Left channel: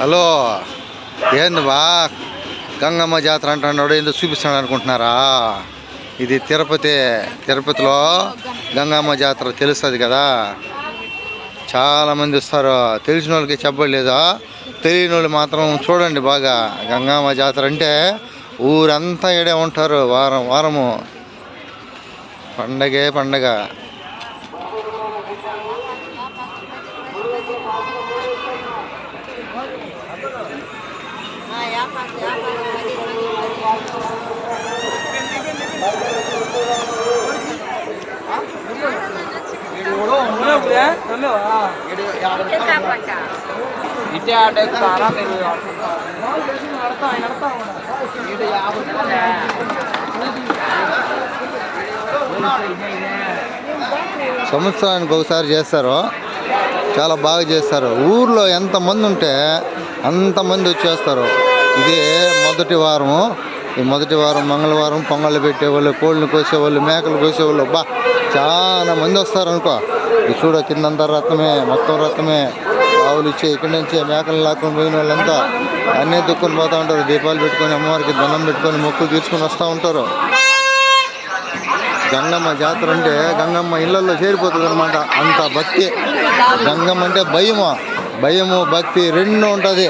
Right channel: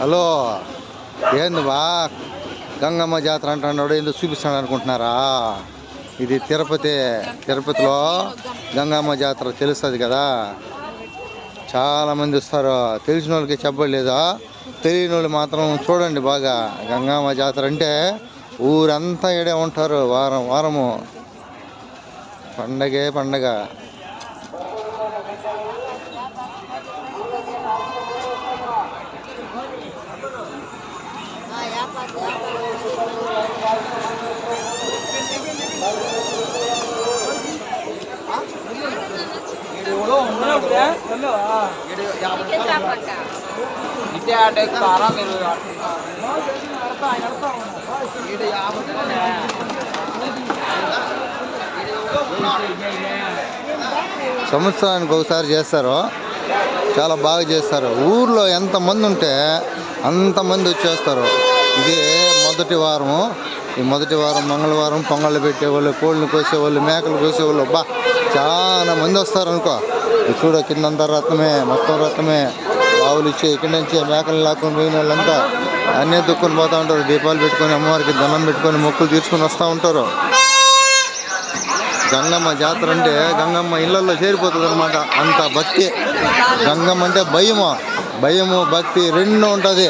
Hello ఏంది బా? గంగమ్మ జాతర అంటున్నాడు ఏందో చూపిస్తాడు అనుకుంటున్నారా? ఇది తిరుపతి తిరుపతిలో గంగమ్మ జాతర తెలుస్తుంది కదా? చాలామంది వస్తారు. తెలిసిన వాళ్ళకి చెప్పలేదా తెలియని వాళ్ళు మాత్రం చూడండి బాగా. గంగమ్మ జాతర అంటే ఊరంతా ఇడే ఉంటారు వారం వారము. పండగే పండగ. సంవత్సరానికి ఒకసారి చేస్తారు. చాలా బాగా చేస్తారు. ఊర్లో ఎంతమంది ఉంటే అంతమంది వచ్చేస్తారు. ఇది మొదటి వారము. ఈ మొదటి వారం మంగళవారం పొంగళ్ళు పెట్టేవాళ్ళు కోళ్ళని కోసేవాళ్ళు మేకలు కోసేవాళ్ళు. బా చాలా మంది వస్తారు అనుకో. చూడ కిందంతా రత్నమే మొత్తం రత్నమే ఆవులు ఇచ్చే ఇక్కడి నుంచి మేకలు లాక్కొని పోయిన వాళ్ళంతా అన్నీ దుక్కుని పోతూ ఉంటారు. దీపాలు పెట్టుకొని అమ్మవారికి దండం పెట్టుకొని మొక్కులు తీసుకొని వస్తూ ఉంటారు. గంగమ్మ జాతర అంటే గంగమ్మ ఇళ్ళలో చేరిపోతుంది అనమాట అంత భక్తి. గంగమ్మ అంటే భయము. భయము భక్తి రెండు ఉంటుంది.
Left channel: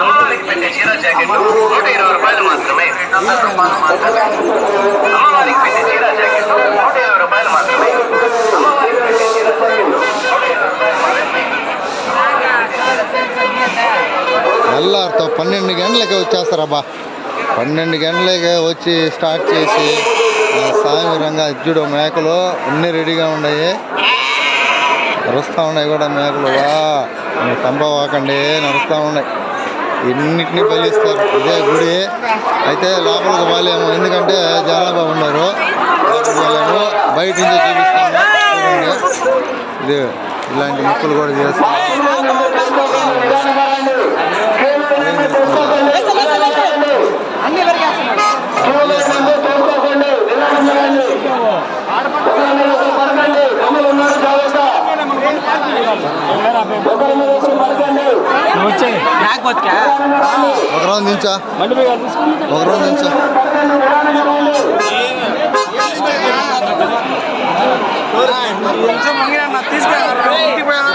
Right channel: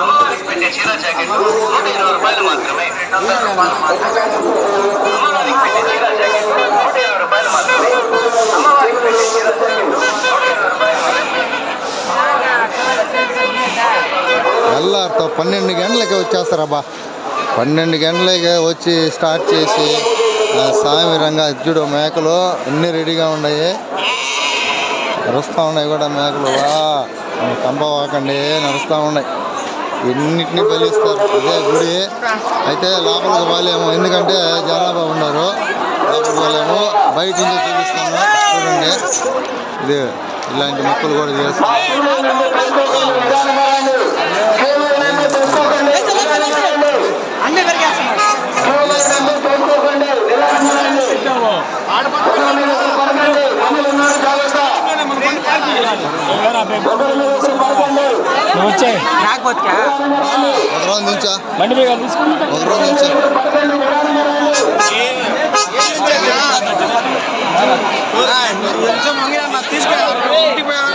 అమ్మవారికి పెట్టే చీర జాకెట్ నూట ఇరవై రూపాయలు మాత్రమే అమ్మవారికి పెట్టే చీర జాకెట్ నూట ఇరవై రూపాయలు మాత్రమే తెల్లారితో పన్నెండు గంటలకి వచ్చేస్తారబ్బా. పన్నెండు గంటలకి వచ్చి స్టార్ట్ చేసి ఆ, రంగా అర్జుడు మేకలు అన్నీ రెడీగా ఉన్నాయి. నడుస్తూ ఉన్నాయి కూడా మేకలు. వా తంబ వాకండి నడుస్తూ ఉన్నాయి. ఎన్నింటిని బలిస్తారు ఇదే గుడి. అయితే లోపలికి పోలేము. ఎందుకంటే జనాభా ఉన్నారు లోపలికి పోలేము. బయట నుంచి చూపిస్తాము. చూడండి. ఇది ఇలాంటి మొక్కలు కూడా చేస్తాం నువ్వు ఒక రోజు నుంచా. ఒక నుంచా. తీసుకెళ్ళారు ఇంటికి పోయారు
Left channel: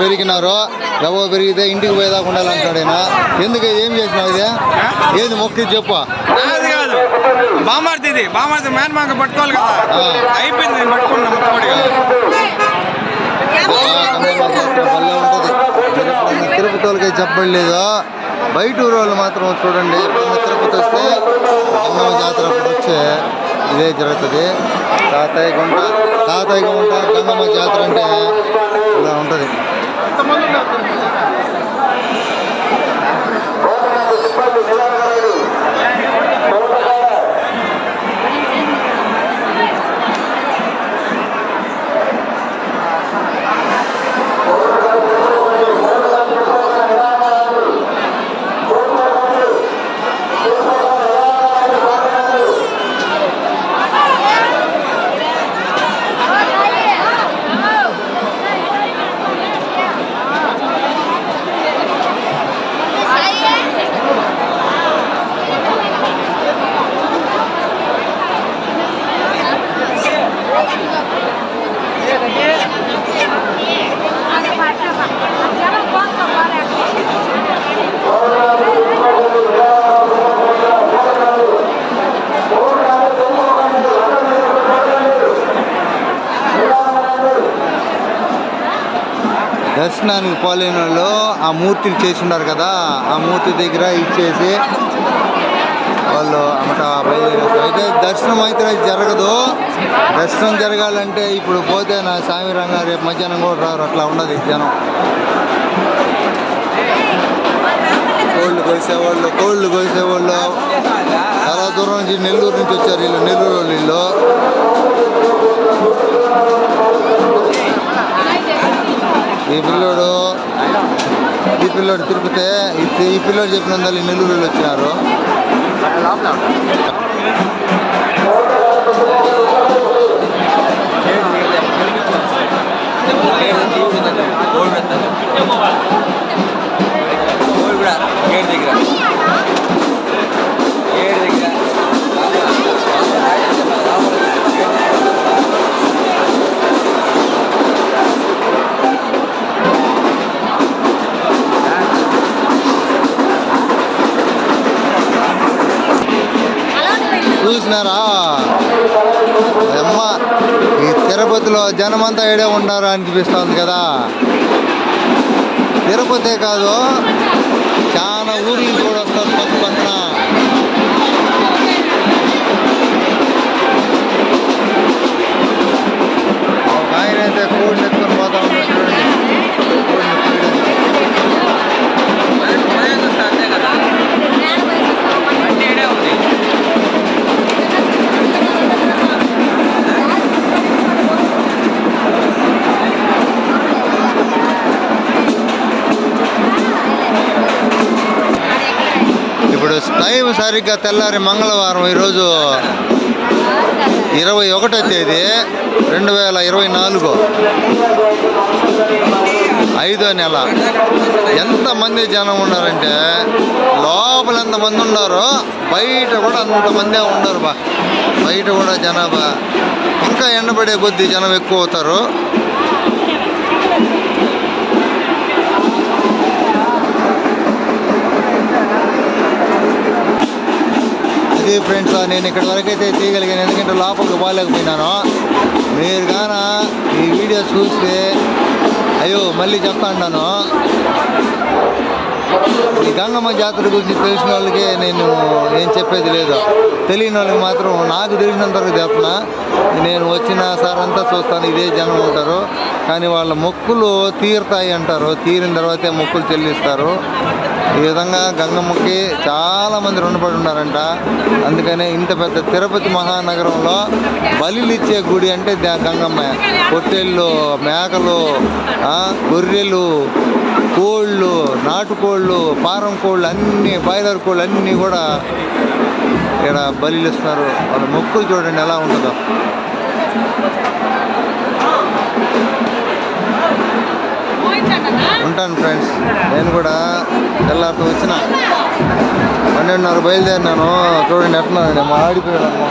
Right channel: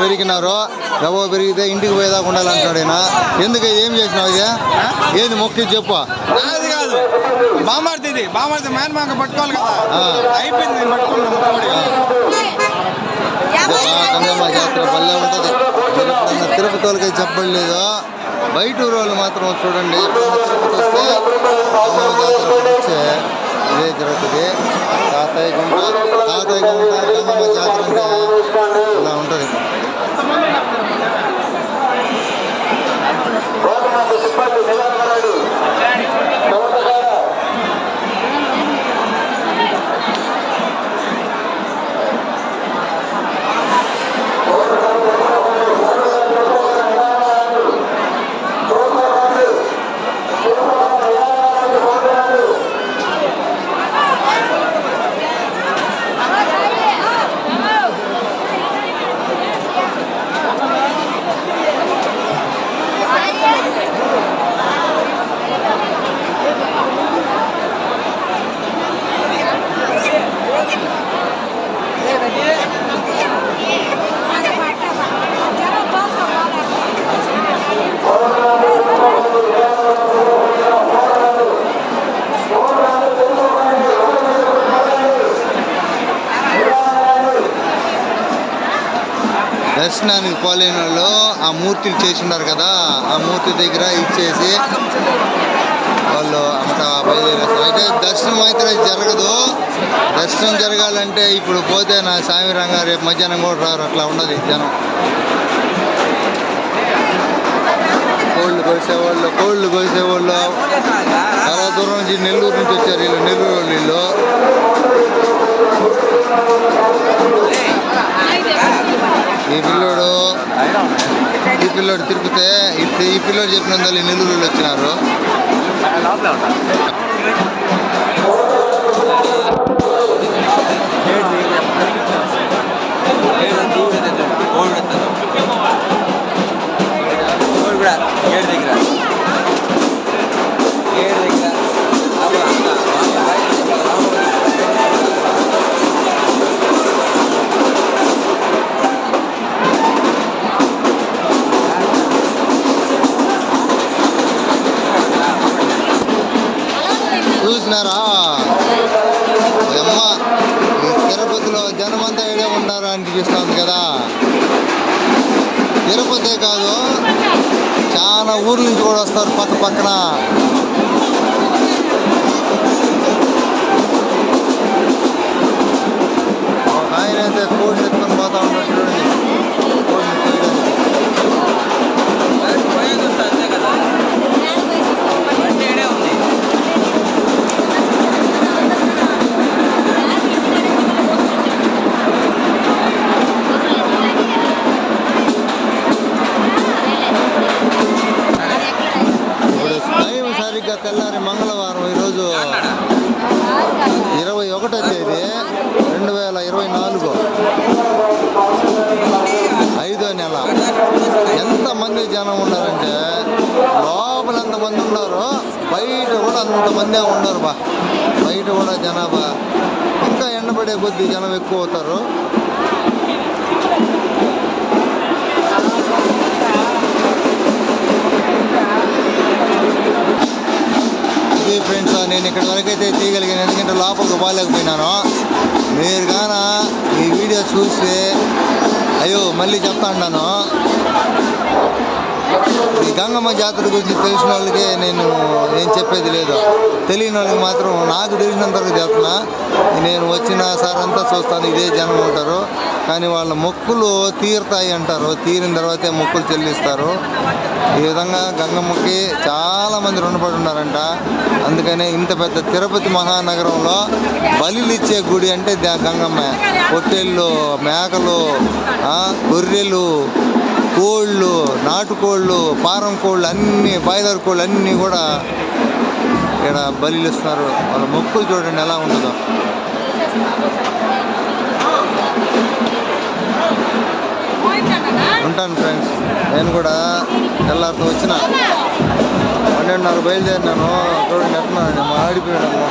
పెరిగినారు. గబ పెరిగితే ఇంటికి పోయేదాకా ఉండాలంటాడు ఆయన ఎందుకు? ఏం చేసినావు ఇది? ఏది మొక్కి చెప్పు. బామార్ది ఇది. బామార్ది మేన మాక పట్టుకోవాలి కదా. అయిపోయింది నేను పట్టుకున్నా ముక్కబడిగా భలే ఉంటుంది తిరుపతి వాళ్ళకి చెప్పలేదు బయట ఊరు వాళ్ళు మాత్రం చూడండి. తిరుపతి వస్తే కన్నమ్మ జాతర వచ్చే ఇదే జరుగుతుంది. తాతయ్య గుంట తాతయ్య గుంట గంగమ్మ జాతర అంటే ఇలా ఉంటుంది. సిబ్బంది దర్శనానికి పోలేని వాళ్ళు ఆ మూర్తిని చేసి ఉన్నారు కదా ఆ మూర్తి దగ్గర ఇచ్చేసి వాళ్ళు అమ్మట బయలుదేరేస్తారు. అయితే దర్శనం అయితే జరగదు. దర్శనం జరగాలంటే ఇప్పుడు పోతే నా స్వామి రంగ రేపు మధ్యాహ్నం కూడా రారు అట్లా ఉండదు జనం. కోళ్ళు కోసేవాళ్ళు కోళ్ళు కోసేవాళ్ళు. చాలా దూరం నుంచి నెల్లూరు నుంచి వచ్చారు వీళ్ళు నెల్లూరు వాళ్ళు వీళ్ళు. ఈ పిల్లోడు ఈ పిల్లోడు తిరుపతి ఈ- ఈ పిల్లోడు చెప్పిన ఈ నెల్లూరు వచ్చినారు. ఉన్నారు అనిపిస్తుంది కదా. తిరుపతే కాదు చాలా ఊర్ల నుంచి కూడా వస్తారు పక్క పక్కన. ఒక ఆయన అయితే కోడిని ఎత్తుకొని పోతా ఉన్నాడు చూడండి. కోడిని కోయడానికి అంతే కదా తెల్లారి మంగళవారం ఈరోజు ఇరవై ఒకటో తేదీ రెండు వేల ఇరవై నాలుగు. ఐదో నెల. ఎంతమంది జనం ఉన్నారంటే లోపల ఎంతమంది ఉన్నారో బయట కూడా అంతమందే ఉన్నారు బా. బయట కూడా జనాభా. ఇంకా ఎండబడే కొద్దీ జనం ఎక్కువ అవుతారు. ఫ్రెండ్స్ నేను ఇక్కడి వరకు అయితే తీయగలిగాను. ఎందుకంటే లోపలికి పోలేకపోయినాను. మీరు గాన ఈ వీడియో చూస్తే అయ్యో మళ్ళీ చెప్తా ఉన్నాను ఈ గంగమ్మ జాతర గురించి తెలిసిన వాళ్ళకి నేను ఏం చెప్పేది లేదు. తెలియని వాళ్ళకి మాత్రం నాకు తెలిసినంత వరకు చెప్తున్నా. నేను వచ్చిన సార్ అంతా చూస్తాను ఇదే జనం ఉంటారు. కానీ వాళ్ళ మొక్కులు తీరుతాయి అంటారు. తీరిన తర్వాతే మొక్కులు చెల్లిస్తారు. ఈ విధంగా గంగమ్మకి చాలామంది రుణపడి ఉన్నారంట. అందుకనే ఇంత పెద్ద తిరుపతి మహానగరంలో బలిలిచ్చే గుడి అంటే గంగమ్మ. పొట్టేళ్ళు మేకలు గొర్రెలు కోళ్ళు నాటుకోళ్ళు పారం కోళ్ళు అన్ని బాయిలర్ కోళ్ళు అన్నీ కూడా ఇక్కడ బలిస్తున్నారు వాళ్ళ మొక్కులు చూడండి ఎలా ఉంటుందో. ఉంటాను ఫ్రెండ్స్ నేను కూడా తెల్లారితో వచ్చిన. పన్నెండున్నర బయలుదేరినాను. చూడండి ఎట్లా ఆడిపోయాడు మా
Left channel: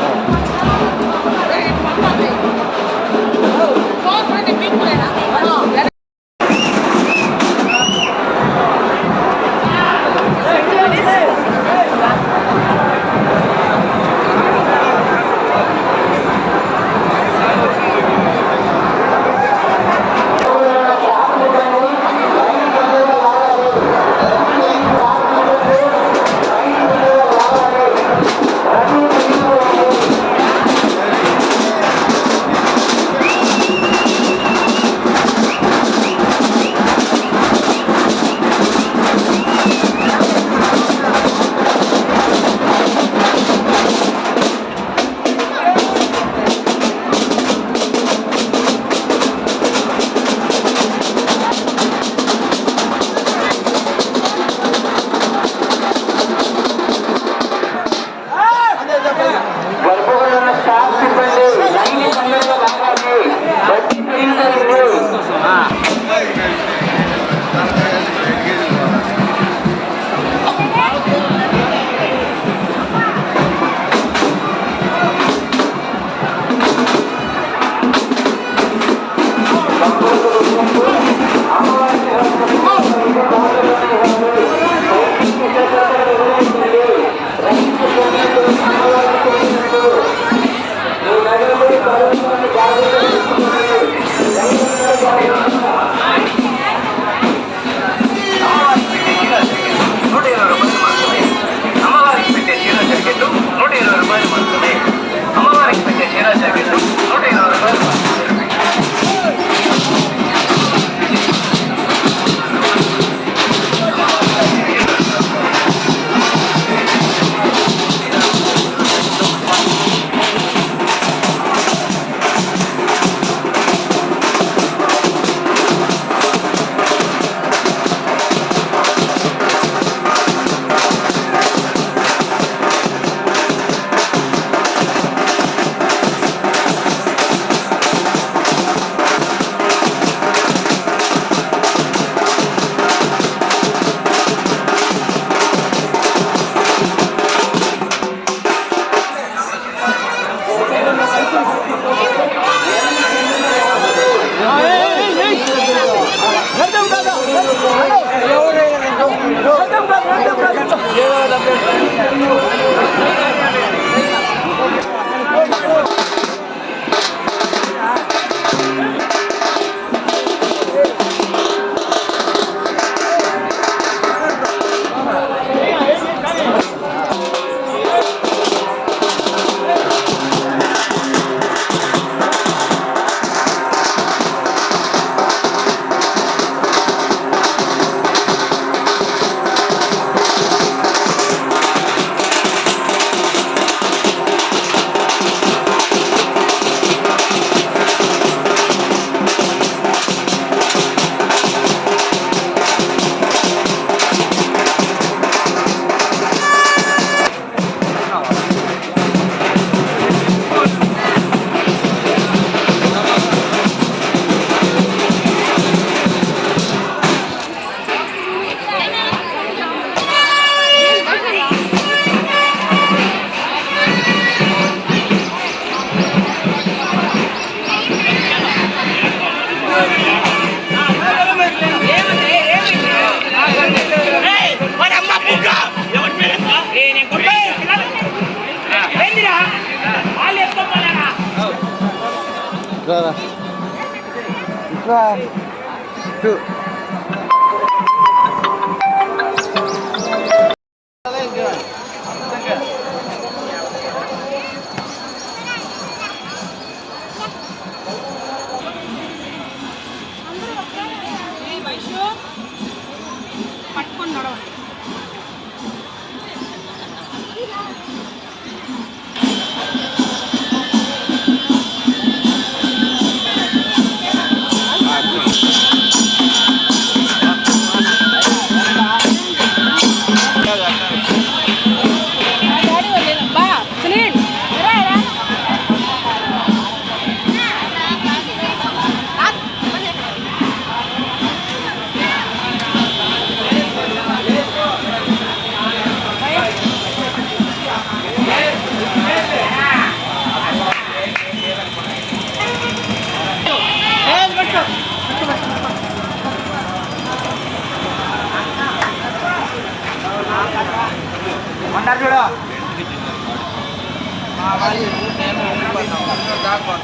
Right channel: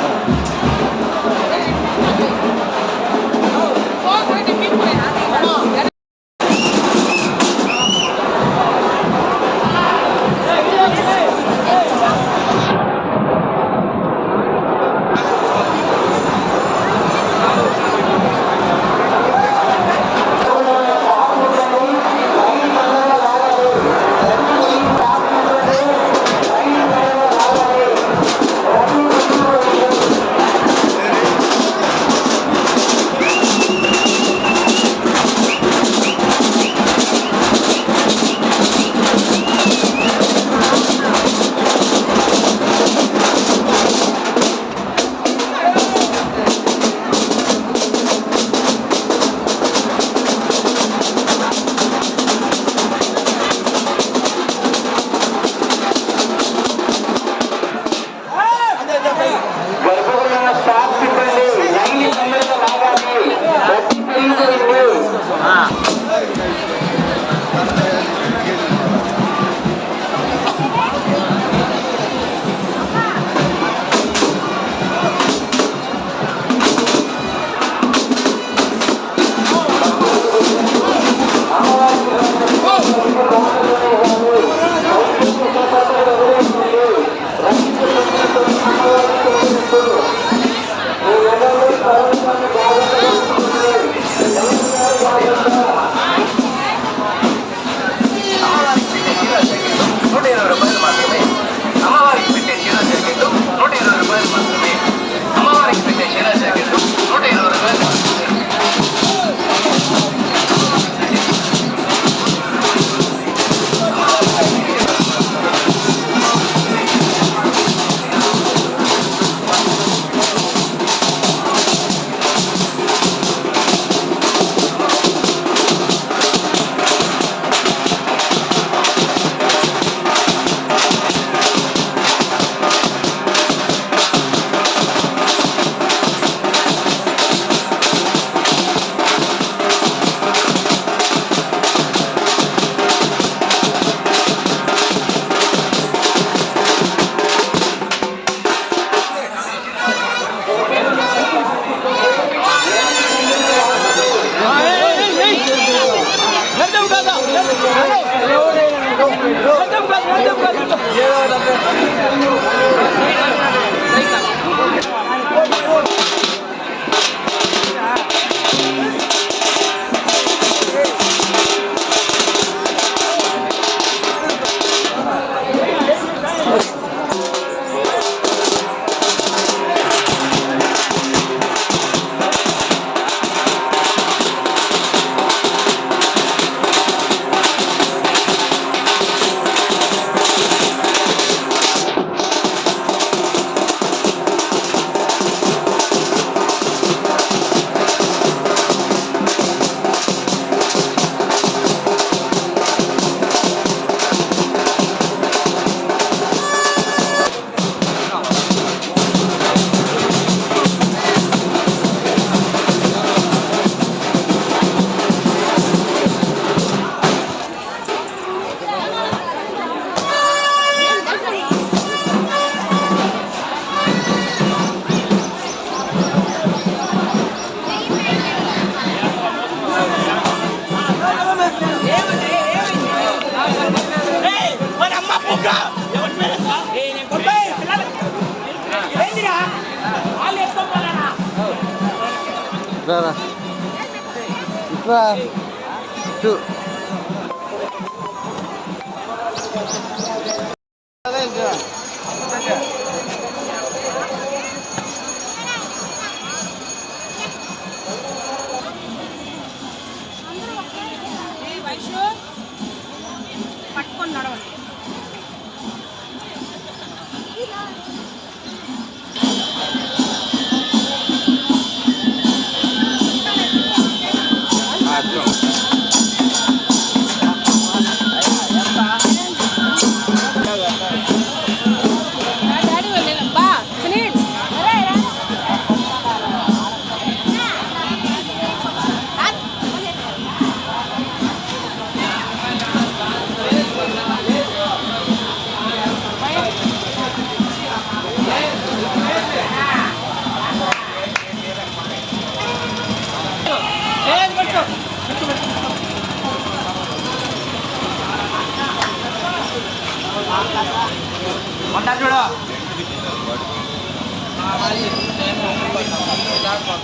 走走走走走走 try. Try. Two. అంటారు చూడు. దాకా